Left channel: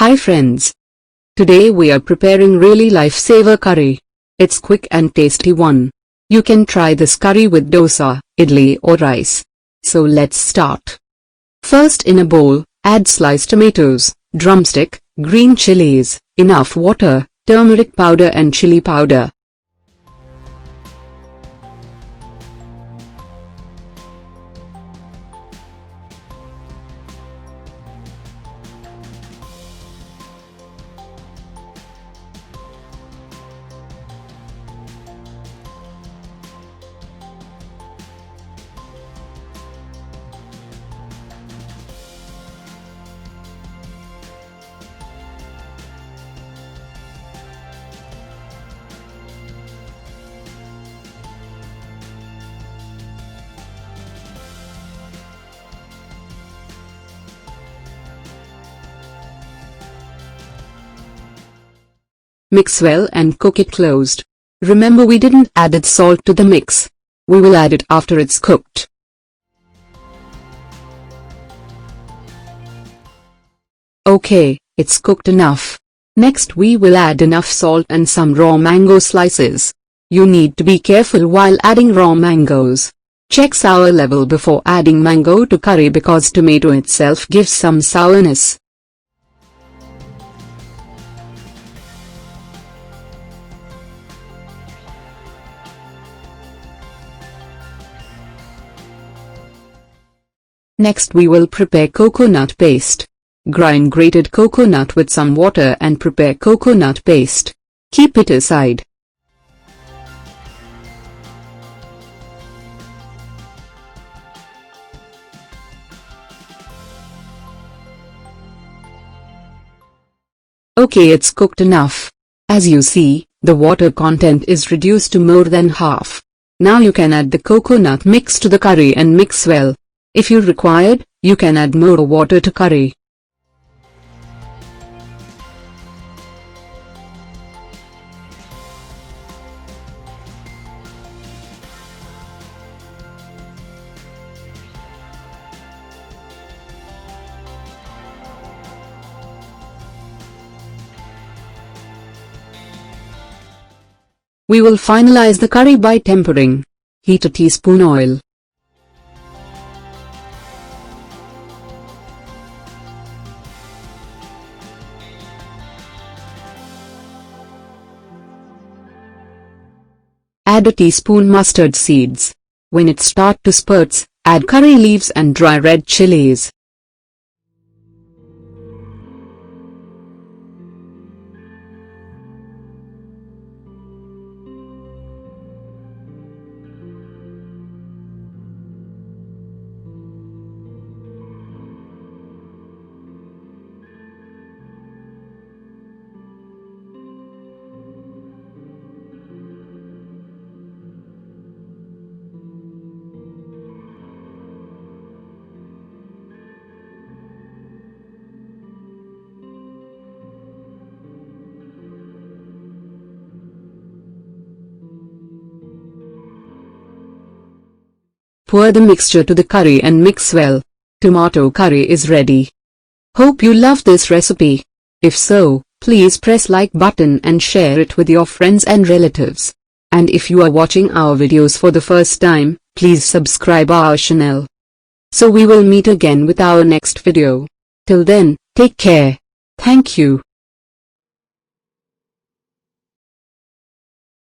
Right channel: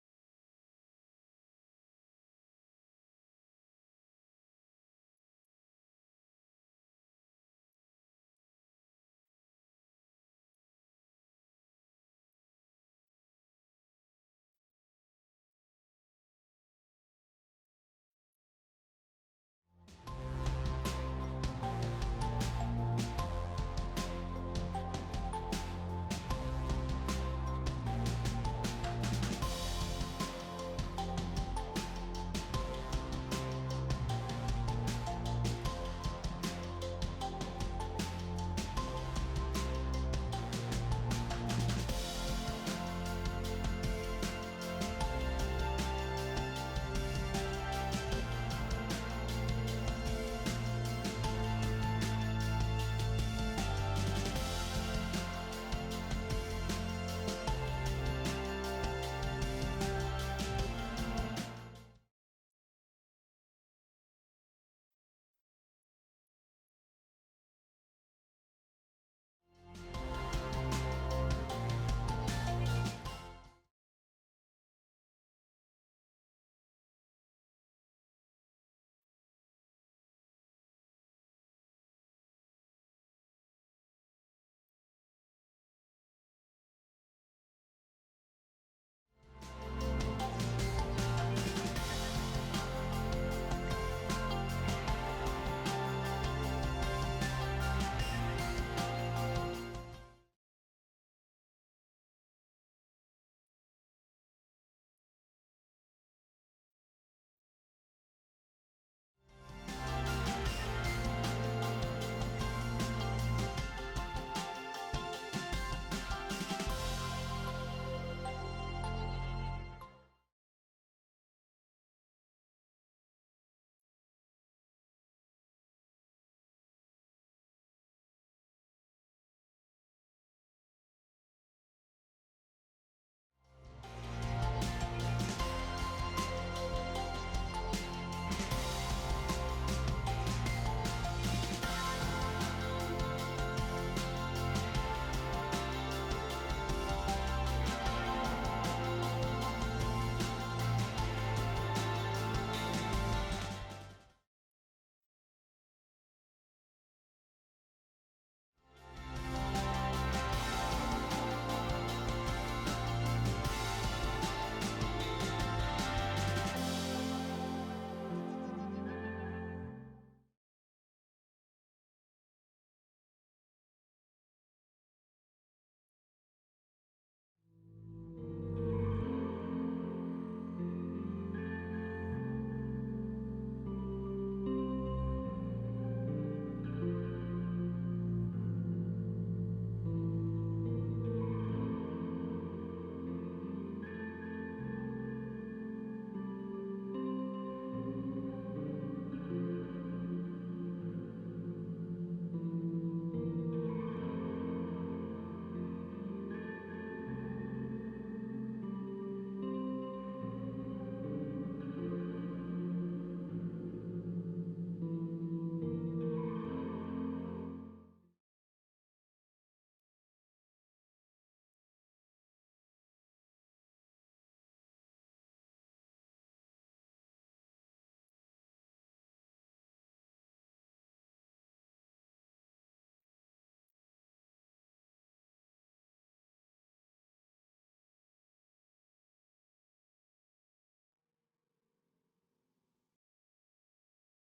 Hi friends. Today we are preparing really lifesaver curry. It's quick and tasty one. You can try this curry with dosa, idli or rice. So let's start. First, in a bowl, add sliced tomatoes, drumstick, green chilies, enough water, turmeric powder and chili powder. Mix well and cook it closed. Remember, we didn't add salt to the mix. We will add it after it's cooked. Okay, it's cooked enough. Next we will add enough salt and some raw mango slices. You need to be careful while adding raw mangoes. Check sour level before adding mango to curry because tomato itself gives some sourness. Next we will prepare coconut paste. Grind grated coconut with some water and prepare coconut paste. Keep it aside. Okay, it's cooked enough. As you see, the water content is reduced to more than half. Now you can add the coconut mix to the curry and mix well. If you required, you can add more water to curry. We will finalize the curry by tempering. Heat a teaspoon oil. Add a teaspoon mustard seeds. When it starts to spurts, add curry leaves and dry red chillies. Pour the mixture to the curry and mix well. Tomato curry is ready. Hope you love this recipe. If so, please press like button and share it with your friends and relatives. And if you are watching our videos for the first time, please subscribe our channel. So we will meet again with our next video. Till then, take care. Thank you.